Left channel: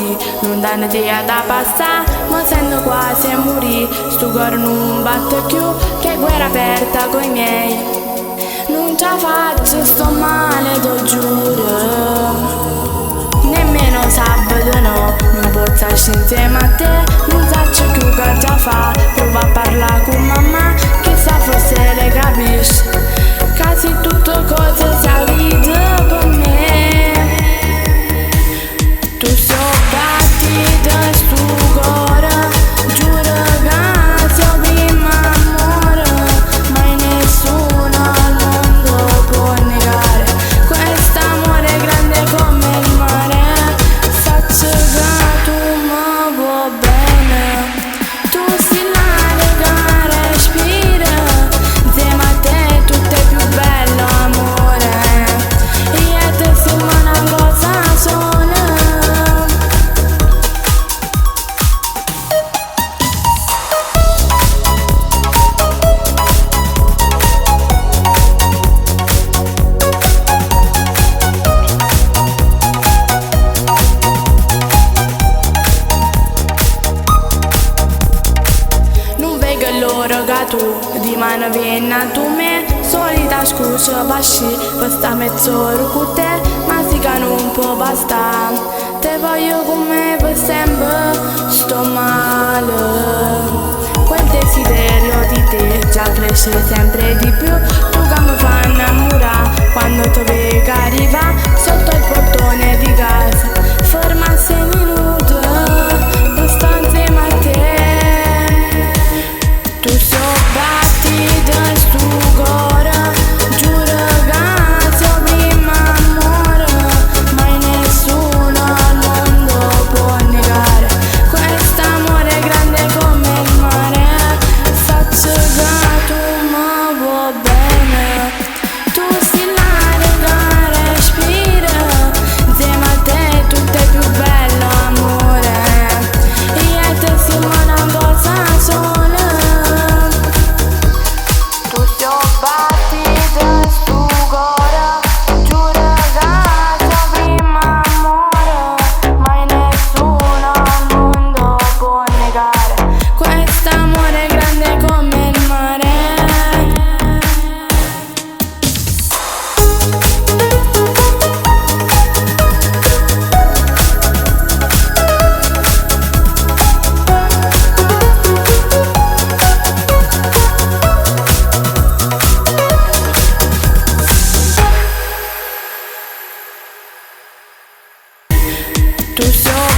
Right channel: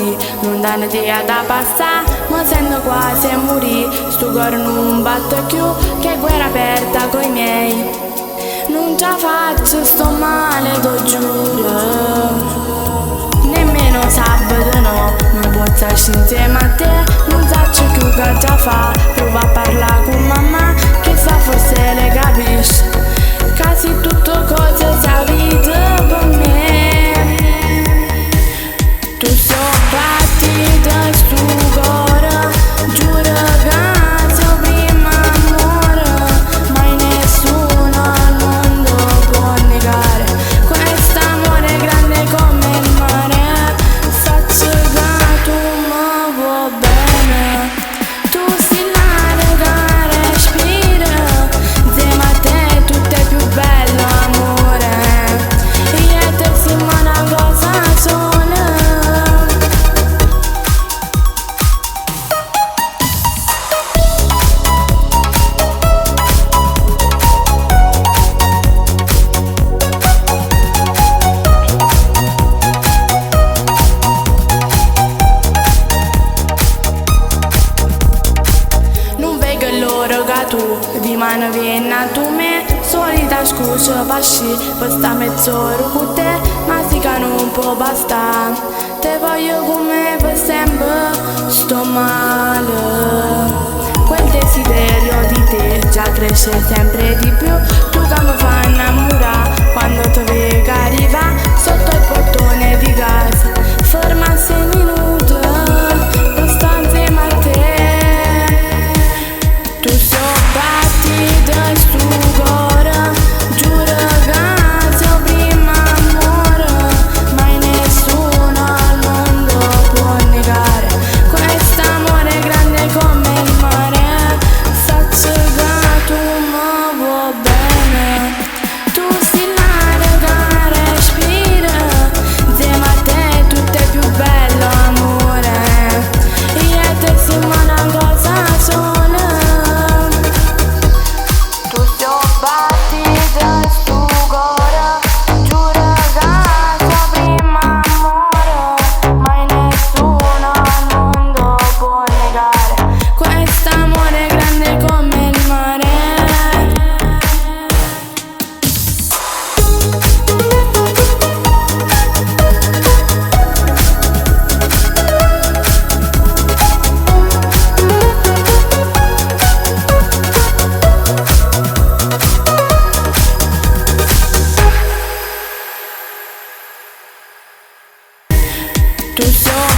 così, non danno idea da passare, ma sento quasi a morire. Sto cuore non batte più, che guerra aperta coi miei. Non ce la faccio, sto male, lo giuro. Nemmeno sabato no, non posso stare insieme a te. Non so più che già fa, prova a parlare con mamma, chissà forse le capisce. Quasi tutto cosa sia vita per me. Tu sei battita sto cuore, giuro che sei primo amore, mai nessuno al mondo può negare quest'amore grande come il mare. Saccio che tu mi vuoi bene, tu sei l'aria che respira, insieme a te tutto è più bello amore, io te siamo una cosa sola. Che loro che tu di mano vieni a tu me, solita scusa pasci per sta mezz'ora con te, ma sì che non può bastare, te voglio come per sempre, sto male. Quel desiderio di te già cresce sempre di più, tu che mi fai innamorare quando ti vedo arriva sotto il portone di casa, ferma 6 minuti per stare insieme a te. Tu sei battita sto cuore, giuro che sei primo amore, mai nessuno al mondo può negare quest'amore grande come il mare. Saccio che tu mi vuoi bene, tu sei l'aria che respira, insieme a te tutto è più bello amore, io e te siamo una cosa sola. Tu sei battita sto cuore, giuro che sei primo amore, mai nessuno al mondo può negare quest'amore grande come il mare. Tu sei